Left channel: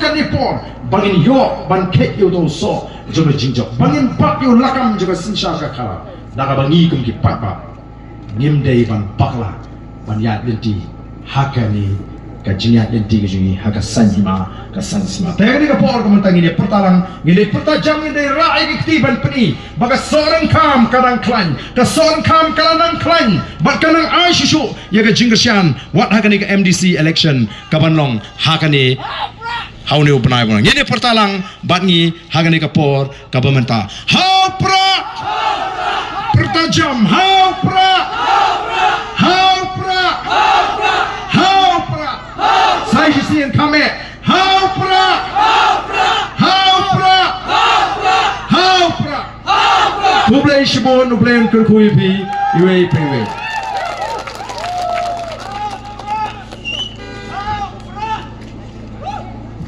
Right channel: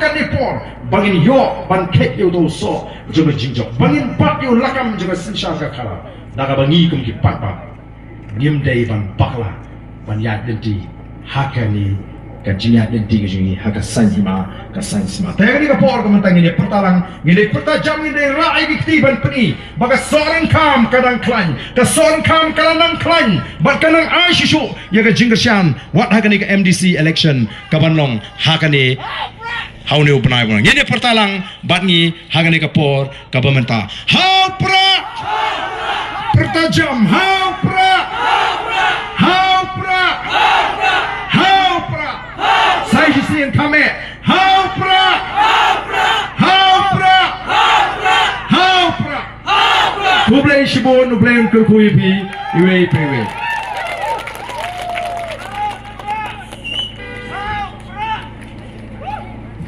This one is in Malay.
kan ipor bangin yo ban kek yo do so juga jingjok bangin pat yo lakam juga sinsha ka khala daga bangi kum ki papa ngim dei ban bakla ban ya denti hakani ka jinya denti ke jungi haka sanjima ka sansima tegani ka por ko mentang ini pertalang ngile pertajam ini rai ki ktiban peni baga soran kam kadang klan ka soran kam kadang klan bat kadang aishu ya ka jingsian wat hakani ka MDC election ka banlong hakani haune upanai bang ini pertalang batni hakani ka por ka pementa haupra pertajam haupra haupra haupra sai sien kame haupra haupra haupra haupra tublei shibon nublei kurkui pi iwe